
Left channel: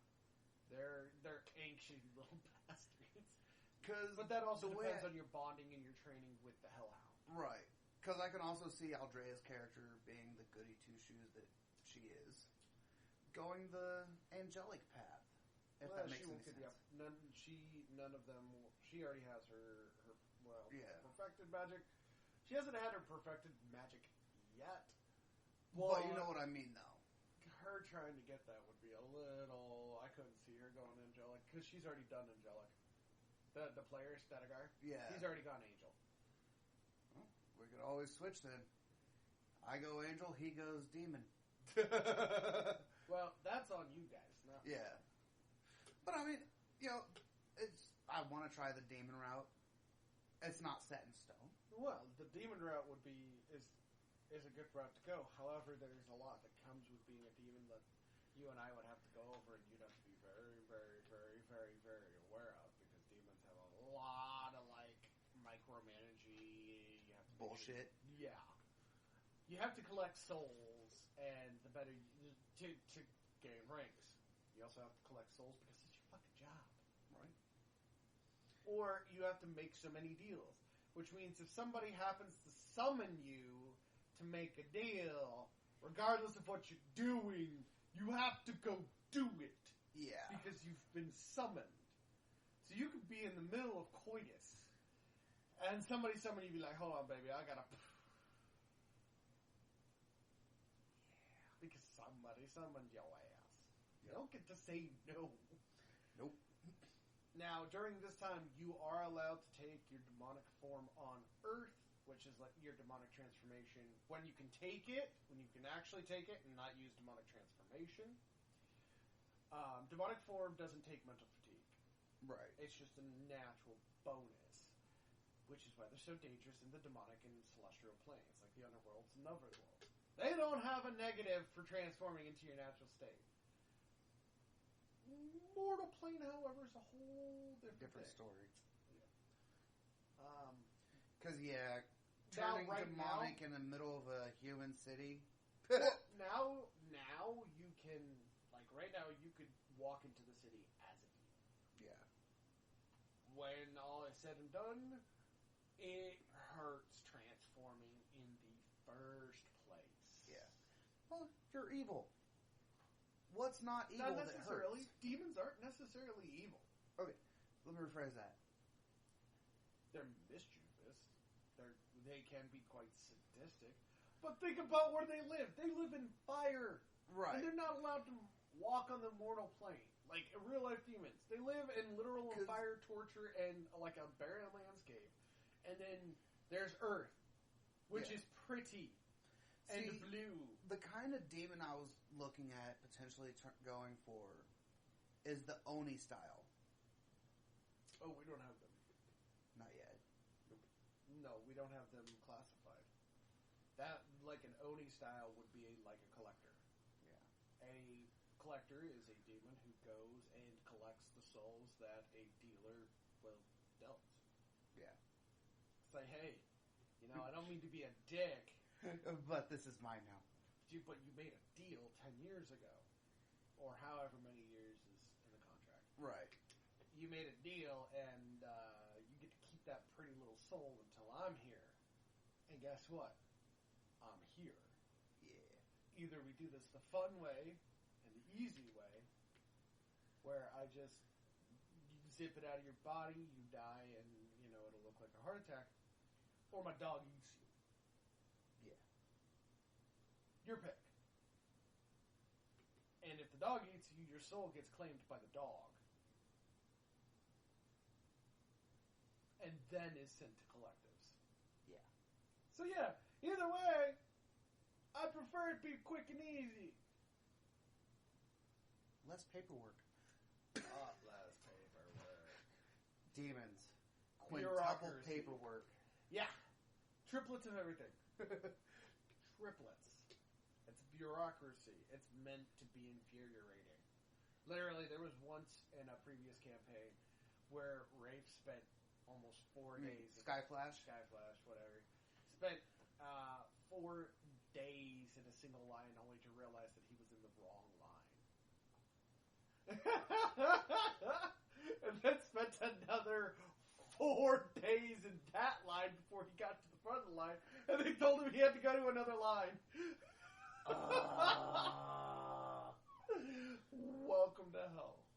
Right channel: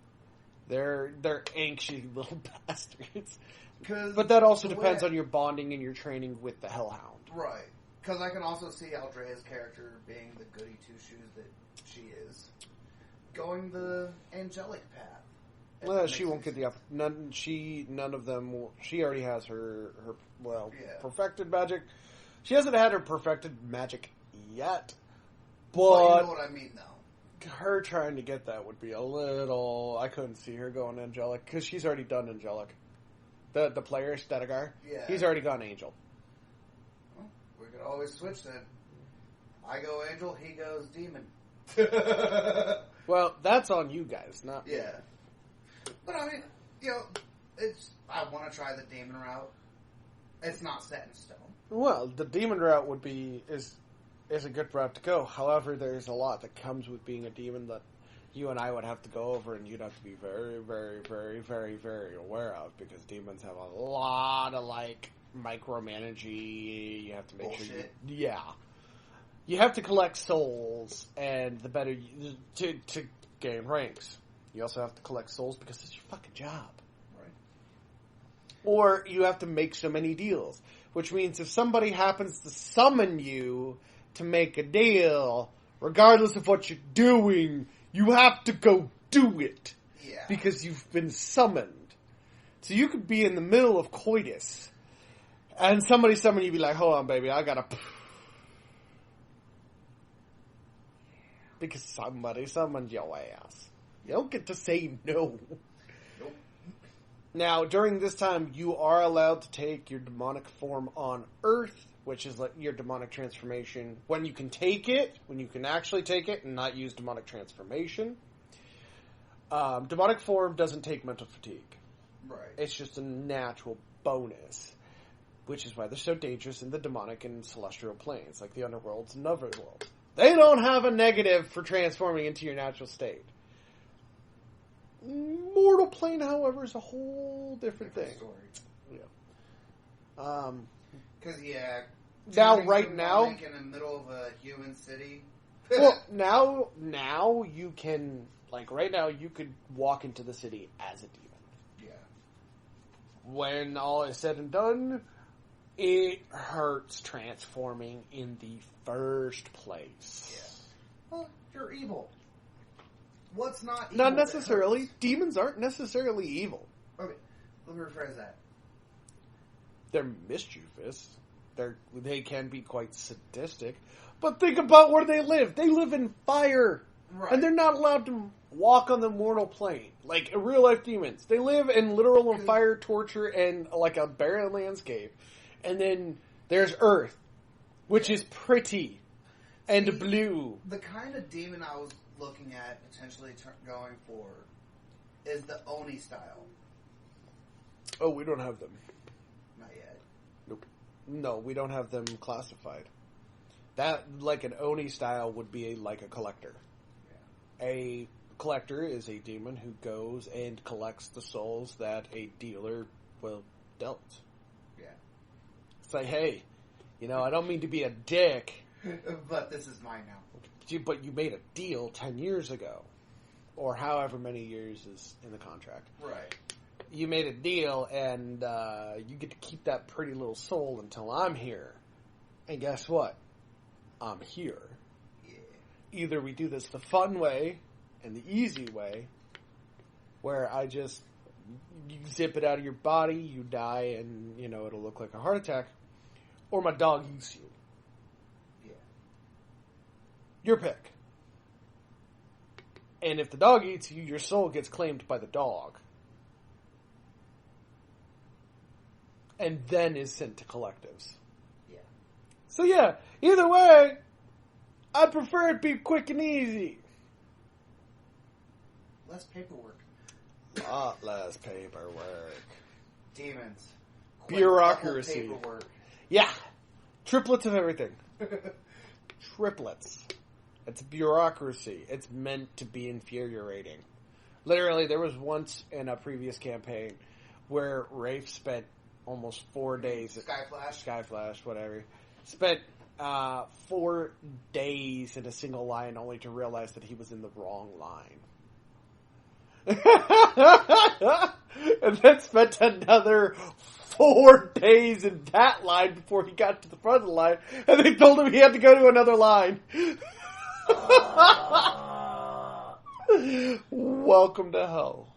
They're anxious little bastards. But that also depends on your bonding and your training with the hellhound. Right. Because I can also see Aldrea's character being the goody two-shoes that she is. Going the angelic path. Well, she won't get the none of them will. She already has her perfected magic. She hasn't had her perfected magic yet. But well, you know what I mean, though. Her trying to get that would be a little. I couldn't see her going angelic because she's already done angelic. The player Stedegar, he's already gone angel. Well, we could always switch then. I go angel, he goes demon. Well, that's on you guys, not me. Yeah. But I mean, I want to try the demon route. It's not set in stone. Well, the demon route is a good route to go. However, there's a lot that comes with being a demon that you and I would have to go over, and you'd have to be very, very, very, very, very aware of, because demons have a lot of micromanaging. You have to make sure. You have to collect souls, and the better to gain ranks. You also have to collect souls because it's your fucking job. Right. Or you have to make so many deals, which means if somebody happens to summon you to make a deal, regardless of what you're doing, you have to go do it. Yeah. Because you've been summoned. So you could be in the middle of coitus, and somebody summon you, be like, hold on, baby, I gotta... Because somebody summoned your ass. You don't get to say no. Nope. Now, during this time, you are allowed to take your demonic form on Earth, which is your demonic transformation. When you can actually take it and not use demonic transformation. Demonic form doesn't take mental fatigue. Right. It's just a natural bonus, which is why they're so dangerous in the demonic and celestial planes, like the underworlds and otherworlds. They don't have a negative for transforming into your natural state. Mortal plane, however, is a whole different thing. Story. Yeah. Because now, right now, in the middle of a human city. Well, now you can right now you could walk into the city as a demon. Yeah. When all is said and done, it hurts transforming in the first place. Yeah. Well, you're evil. What's not evil? Not necessarily. Demons aren't necessarily evil. Okay, let me rephrase that. They're mischievous. They can be quite sadistic. But think about where they live. They live in fire. Right. And they're not allowed to walk on the mortal plane. Like real life demons. They live in literal and fire, torture, and like a barren landscape. And then there's Earth, which is pretty and blue. The kind of demon I was looking at potentially going for is the Oni style. Oh, we don't have them. Not yet. Nope. No, we don't have them classified. That, like an Oni style, would be like a collector. Yeah. A collector is a demon who goes and collects the souls that a dealer will dealt. Yeah. It's like, hey, I don't mean to be a dick. But this is mine now. But you made a deal 10 years ago. Or however many years is in the contract. Right. You made a deal, and you get to keep that pretty little soul until I'm here. And guess what? I'm here. Yeah. Either we do this the fun way and the easy way, where you zip it out of your body, you die, and, it'll look like a heart attack, or my dog eats you. Your pick. And if the dog eats you, your soul gets claimed by the dog. And then is sent to collectives. Yeah. So yeah, either way, I'd prefer it be quick and easy. Less paperwork. A lot less paperwork. Demons. Bureaucracy. Paperwork. Yeah. Triplets of everything. Triplets. It's bureaucracy. It's meant to be infuriating. Literally, there was once in a previous campaign where Rafe spent almost 4 days. Skyflash, whatever. Spent 4 days in a single line only to realize that he was in the wrong line. And then spent another 4 days in that line before he got to the front of the line. And they told him he had to go to another line. Welcome to hell.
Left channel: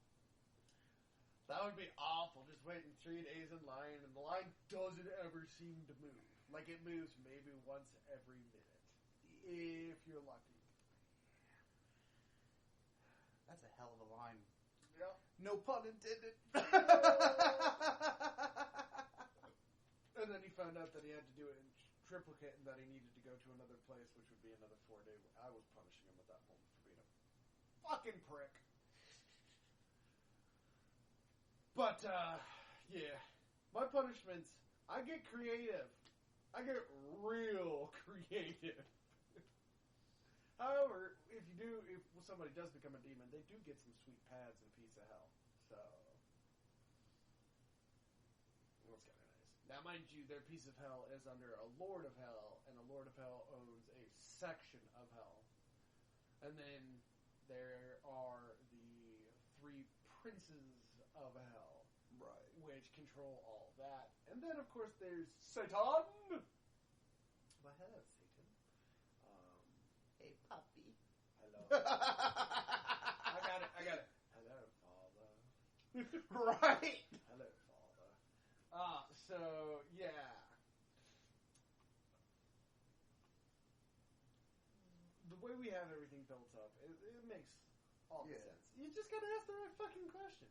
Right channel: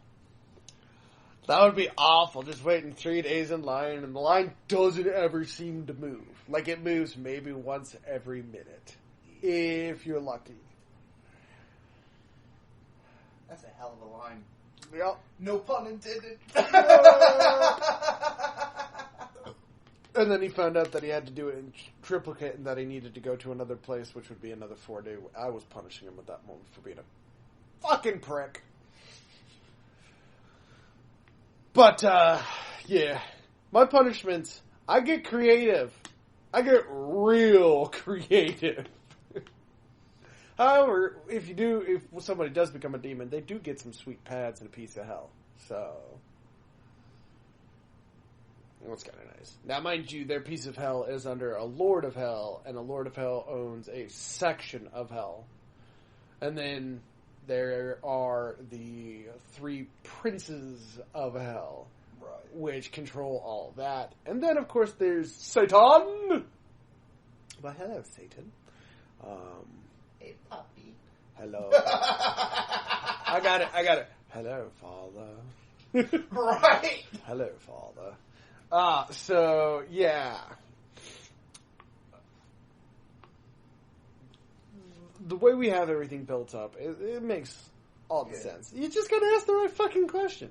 That would be awful, just waiting 3 days in line, and the line doesn't ever seem to move. Like, it moves maybe once every minute, if you're lucky. That's a hell of a line. Yep. No pun intended. And then he found out that he had to do it in triplicate, and that he needed to go to another place, which would be another 4 day. I was punishing him at that moment for being a fucking prick. But, yeah. My punishments, I get creative. I get real creative. However, if somebody does become a demon, they do get some sweet pads and a piece of hell. So, that's kind of nice. Now, mind you, their piece of hell is under a Lord of Hell, and a Lord of Hell owns a section of hell. And then there are the 3 princes of hell, right, which control all that. And then, of course, there's Satan. Well, hello, Satan. Hey, puppy. Hello. I got it. Hello, Father. Right. Hello, Father. So, yeah. The way we have everything built up, it makes all the sense. You just gotta ask the right fucking question.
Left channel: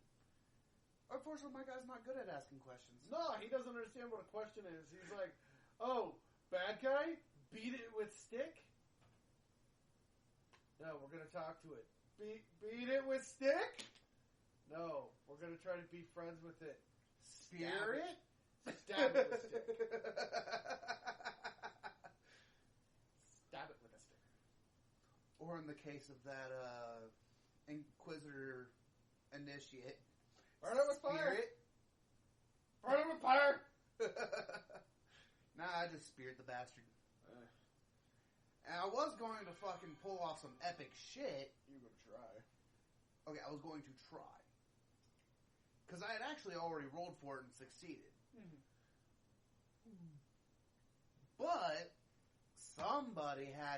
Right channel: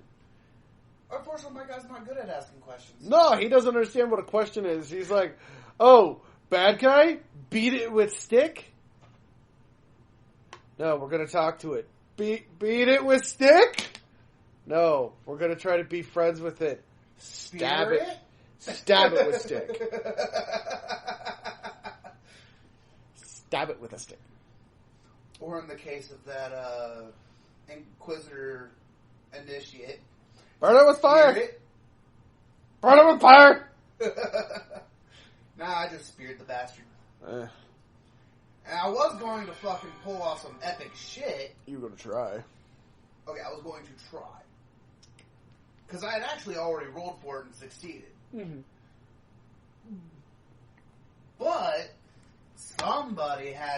Unfortunately, my guy's not good at asking questions. No, he doesn't understand what a question is. He's like, oh, bad guy? Beat it with stick? No, we're gonna talk to it. Beat it with stick? No, we're gonna try to be friends with it. Stab it. Stab it with stick. Stab it with a stick. Or in the case of that Inquisitor initiate, burn it with fire! Burn it with fire! Nah, I just speared the bastard. And I was going to fucking pull off some epic shit. You were going to try. Okay, I was going to try. Because I had actually already rolled for it and succeeded. Mm-hmm.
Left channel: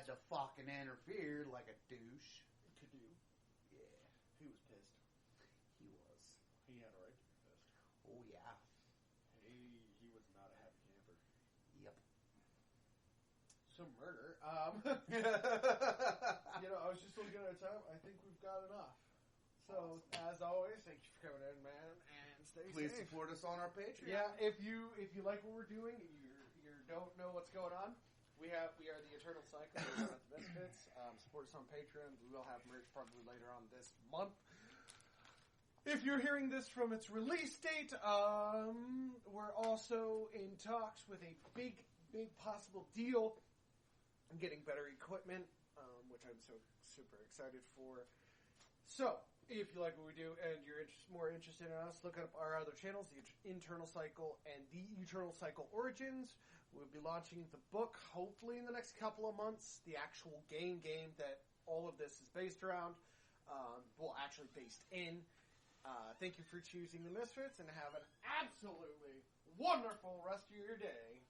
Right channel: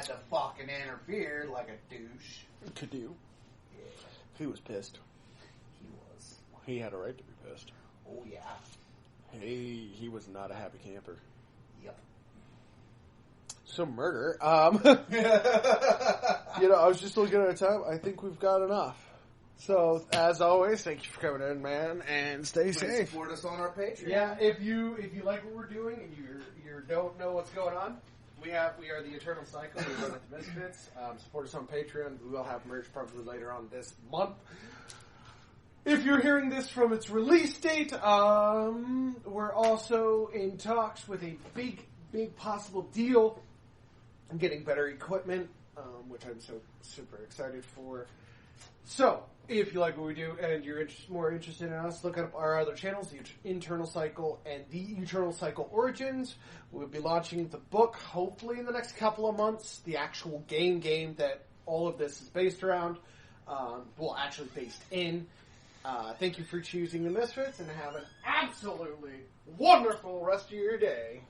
had to fucking interfere like a douche. Could do. Yeah, He was pissed. he was. He had a right to be pissed. Oh yeah. He was not a happy camper. Yep. So murder. You know, I was just looking at our time. I think we've got enough. So, as always, thank you for coming in, man, and stay Please safe. support us on our Patreon. Yeah, if you like what we're doing and you don't know what's going on, we are the Eternal Cycle. We run at the Misfits. Support us on Patreon. We will have merch probably later on this month. If you're hearing this from its release date, we're also in talks with a big possible deal. I'm getting better equipment, which I'm so super excited for. So, if you like what we do and you're more interested in us, look up our other channels, the Internal Cycle and the Eternal Cycle Origins. We'll be launching the book, hopefully in the next couple of months. The actual game that all of this is based around, well, actually based in. Thank you for choosing the Misfits, and have an absolutely wonderful rest of your day.